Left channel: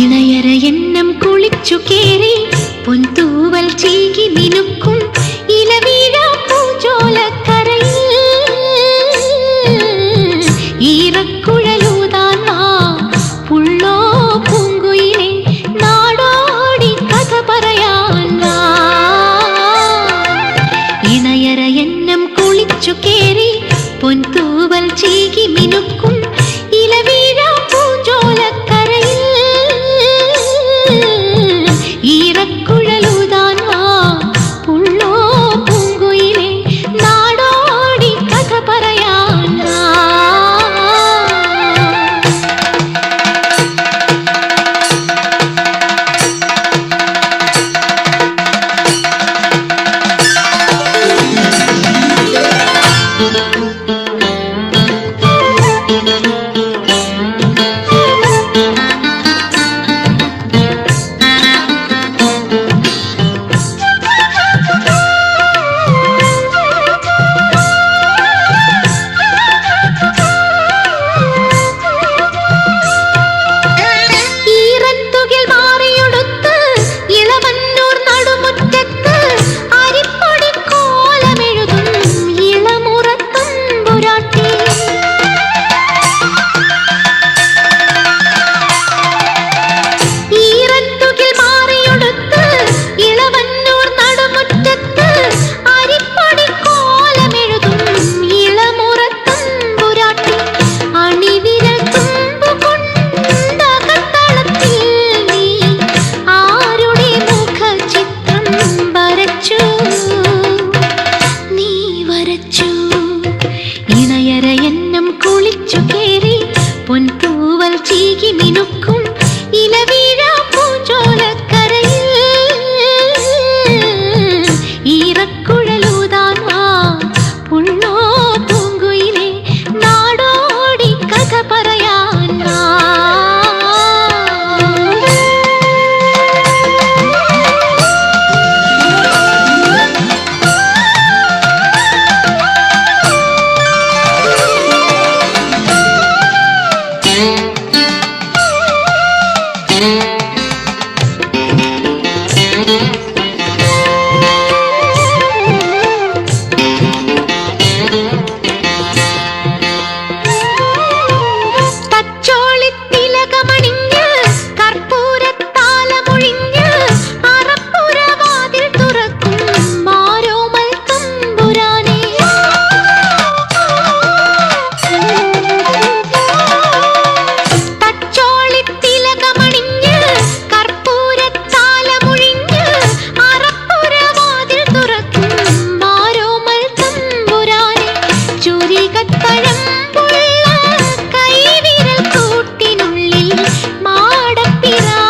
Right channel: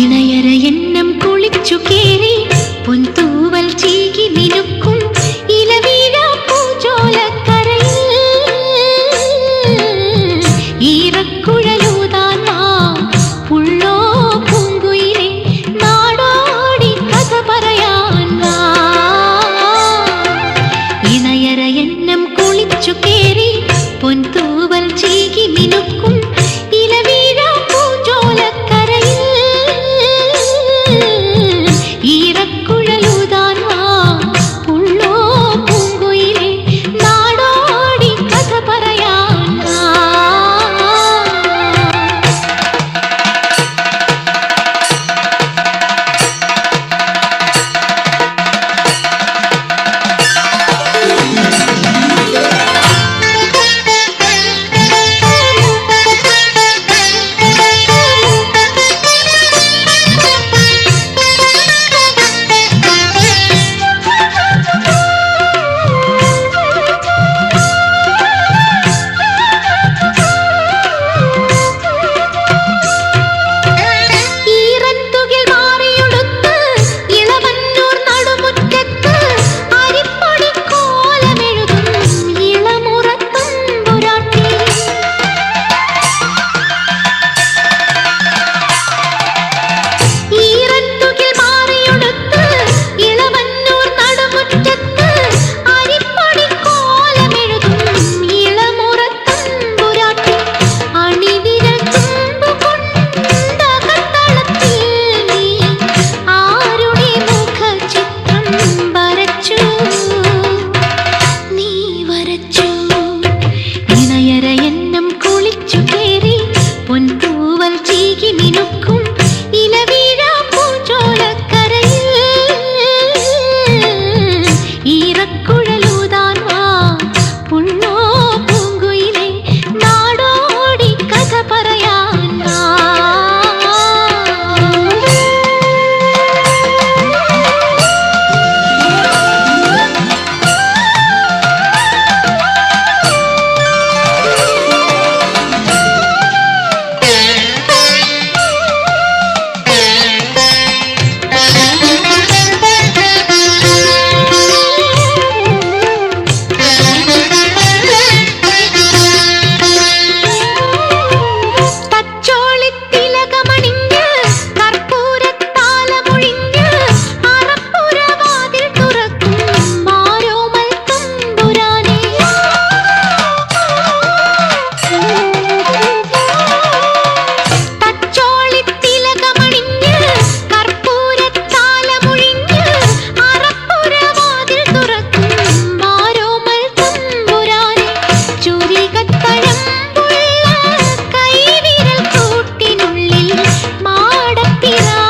ഇളയര എന്നം കുളിച്ചു കേറി പൊൻതൂവൽ ചീകി മിനുക്കും ഇളവീഴ പൂജോലക്കരൽ ഒൻ തു Yeah. तेरा